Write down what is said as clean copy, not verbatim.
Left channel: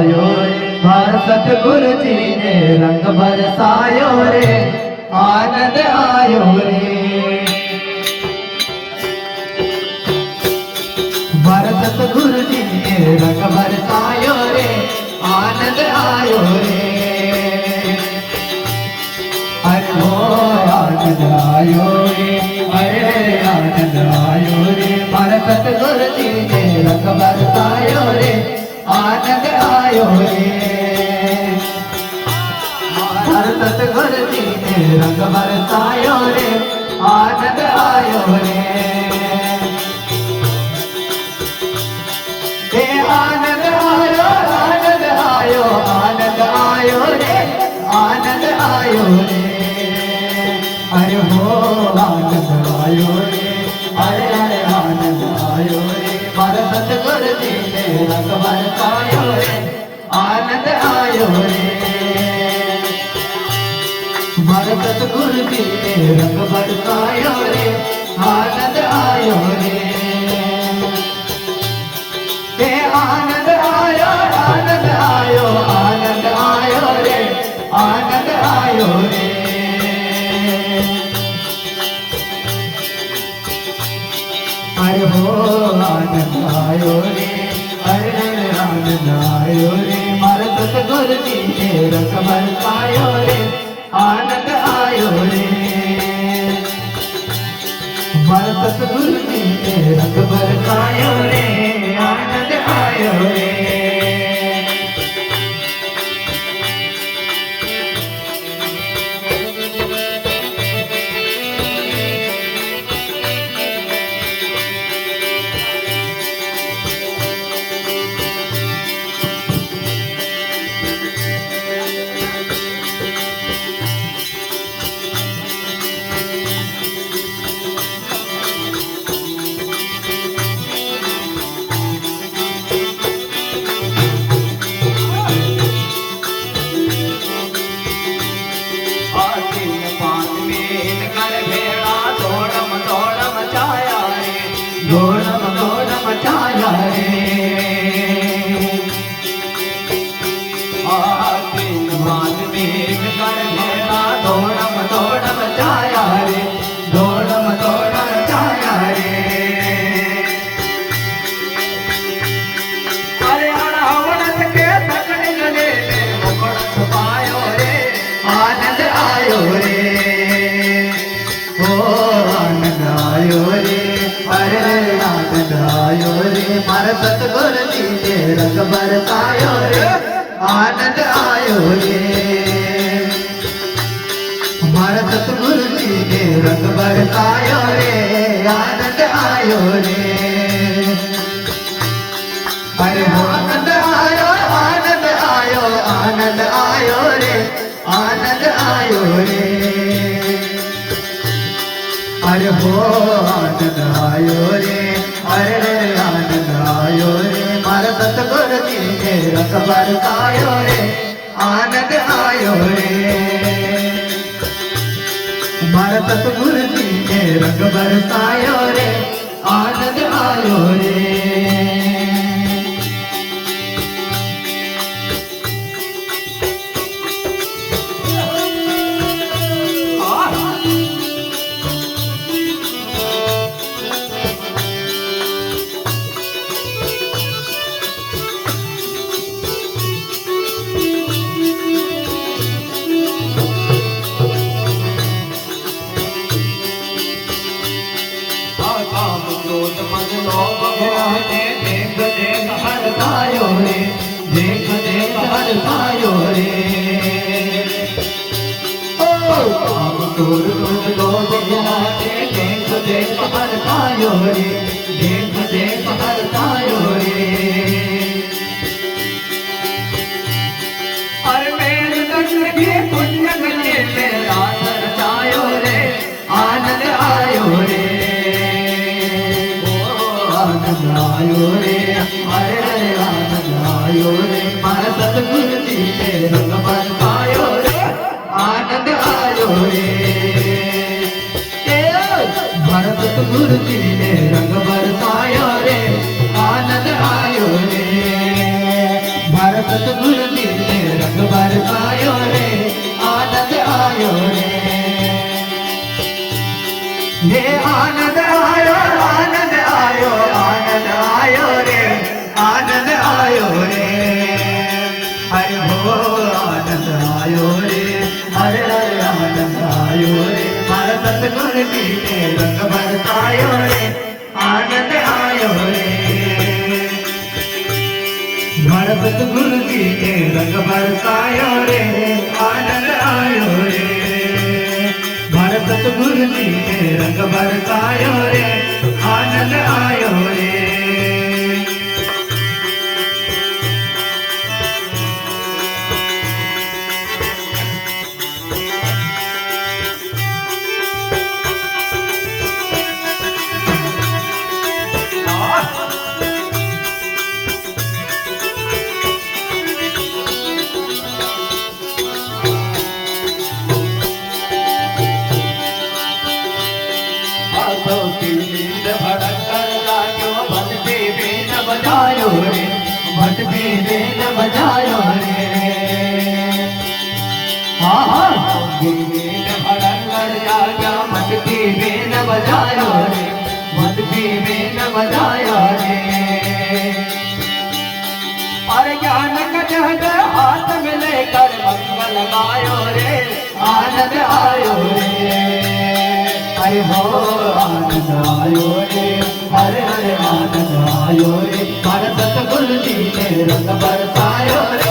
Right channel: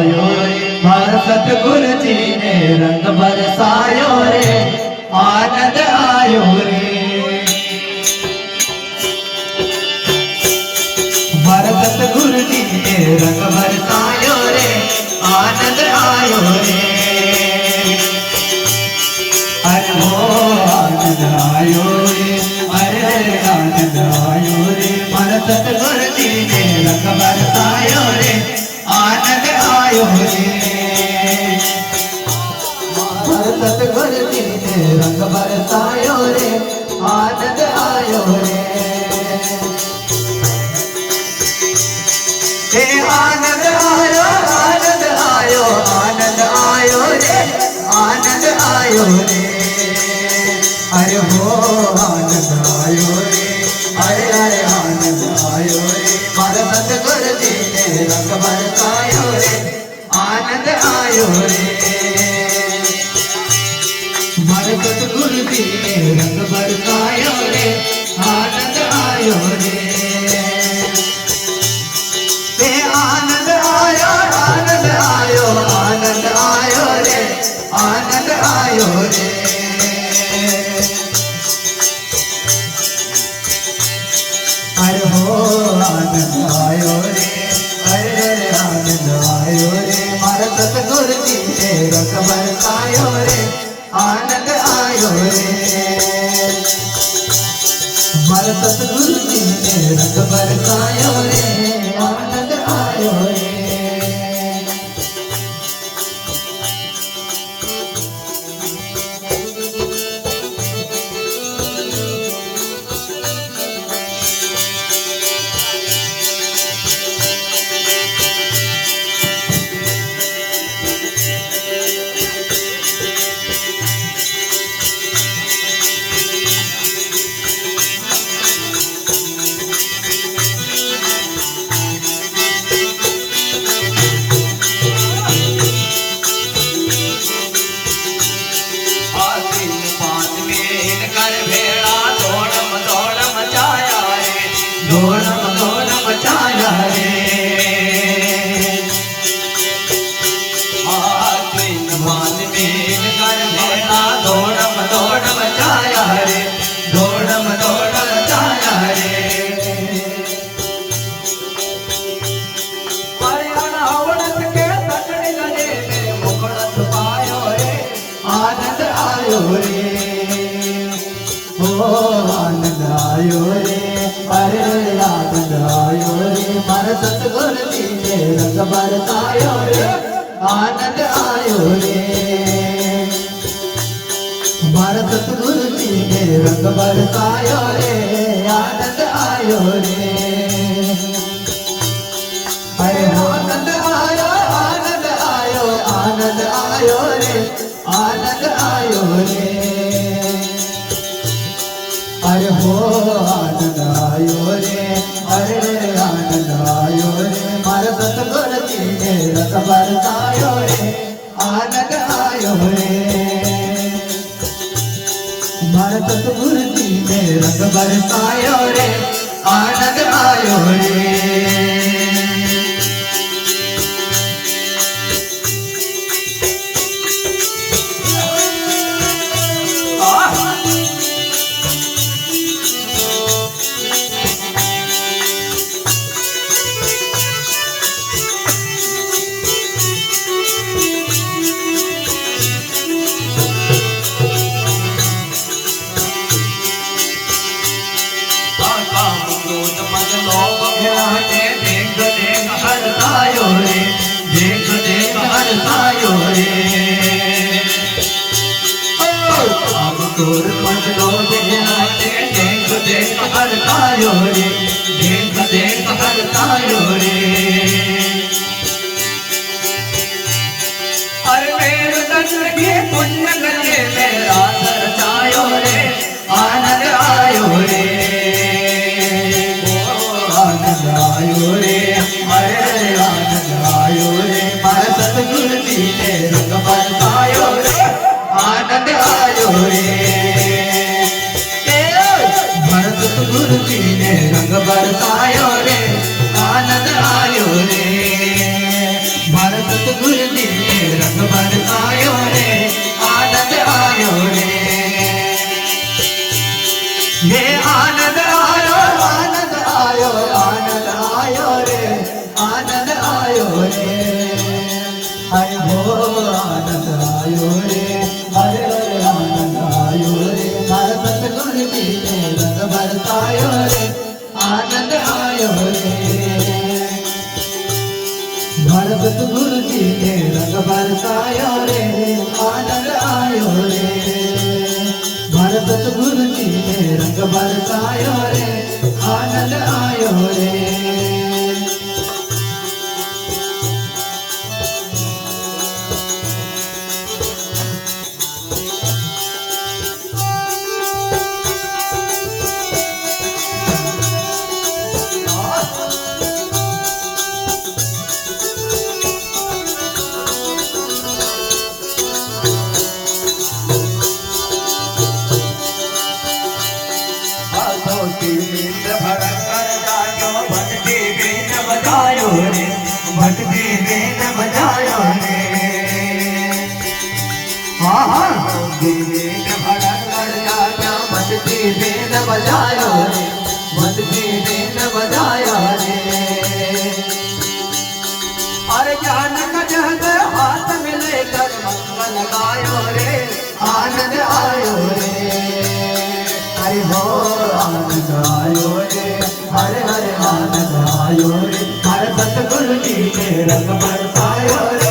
आयो रे मारा सतगुरु जी ने रंग बरसायो रे आनंद आयो रे मारा सतगुरु जी ने रंग बरसायो रे आनंद आयो रे अरे हो आनंद आयो रे अरे आनंद आयो रे मारा सतगुरु जी ने रंग बरसायो रे आनंद आयो रे मारा सतगुरु जी ने रंग बरसायो रे आनंद आयो रे हे आनंद आयो आनंद आयो आनंद आयो रे आनंद आयो रे अरे हो आनंद आयो रे अरे अरे आनंद आयो रे मारा सतगुरु जी ने रंग बरसायो रे आनंद आयो रे मारा सतगुरु जी ने रंग बरसायो रे आनंद आयो रे आनंद आयो आनंद आयो आनंद आयो रे आनंद आयो रे अरे हो आनंद आयो रे अरे आनंद आयो रे मारा सतगुरु जी ने रंग बरसायो रे आनंद आयो रे मारा सतगुरु जी ने रंग बरसायो रे आनंद आयो रे घोड़ा मचाया रे आखिन मान में कर भेड़ा घोड़ा मचाया रे घोड़ा मचाया रे अरे रावण के तकड़ गले में मुकुट छुपायो रे आनंद आयो रे ओ आनंद आयो रे अरे आनंद आयो रे मारा सतगुरु जी ने रंग बरसायो रे आनंद आयो रे मारा सतगुरु जी ने रंग बरसायो रे आनंद आयो रे अरे हो आनंद आयो आनंद आयो आनंद आयो रे आनंद आयो रे अरे हो आनंद आयो रे अरे आनंद आयो रे मारा सतगुरु जी ने रंग बरसायो रे आनंद आयो रे मारा सतगुरु जी ने रंग बरसायो रे आनंद आयो रे तोर मन लो देहाते देख देख हर तायो रे देख देख हर तायो रे पर मेरे दर्शन के पुण्य गले मेरा सर जायो रे आनंद आयो रे आनंद आयो रे अरे आनंद आयो रे मारा सतगुरु जी ने रंग बरसायो रे आनंद आयो रे मारा सतगुरु जी ने रंग बरसायो रे आनंद आयो रे मारा सतगुरु जी ने रंग बरसायो रे आनंद आयो रे ये आनंद आयो आनंद आयो आनंद आयो रे आनंद आयो रे हरि हो आनंद आयो रे हरे हरे आनंद आयो रे मारा सतगुरु जी ने रंग बरसायो रे आनंद आयो रे मारा सतगुरु जी ने रंग बरसायो रे आनंद आयो रे मारा सतगुरु जी ने रंग बरसायो रे आनंद आयो रे भटके बेन बजायो रे हाँ हाँ बेन भड़क कर जागा भटके बेन बजायो रे भटके बेन बजायो रे अरे ज्ञान का जहद हाथ में लेकर मंगल गायो रे आनंद आयो रे हरे हो आनंद आयो रे हरे हरे आनंद आयो रे हर सतगुरु जी ने रंग बरसायो रे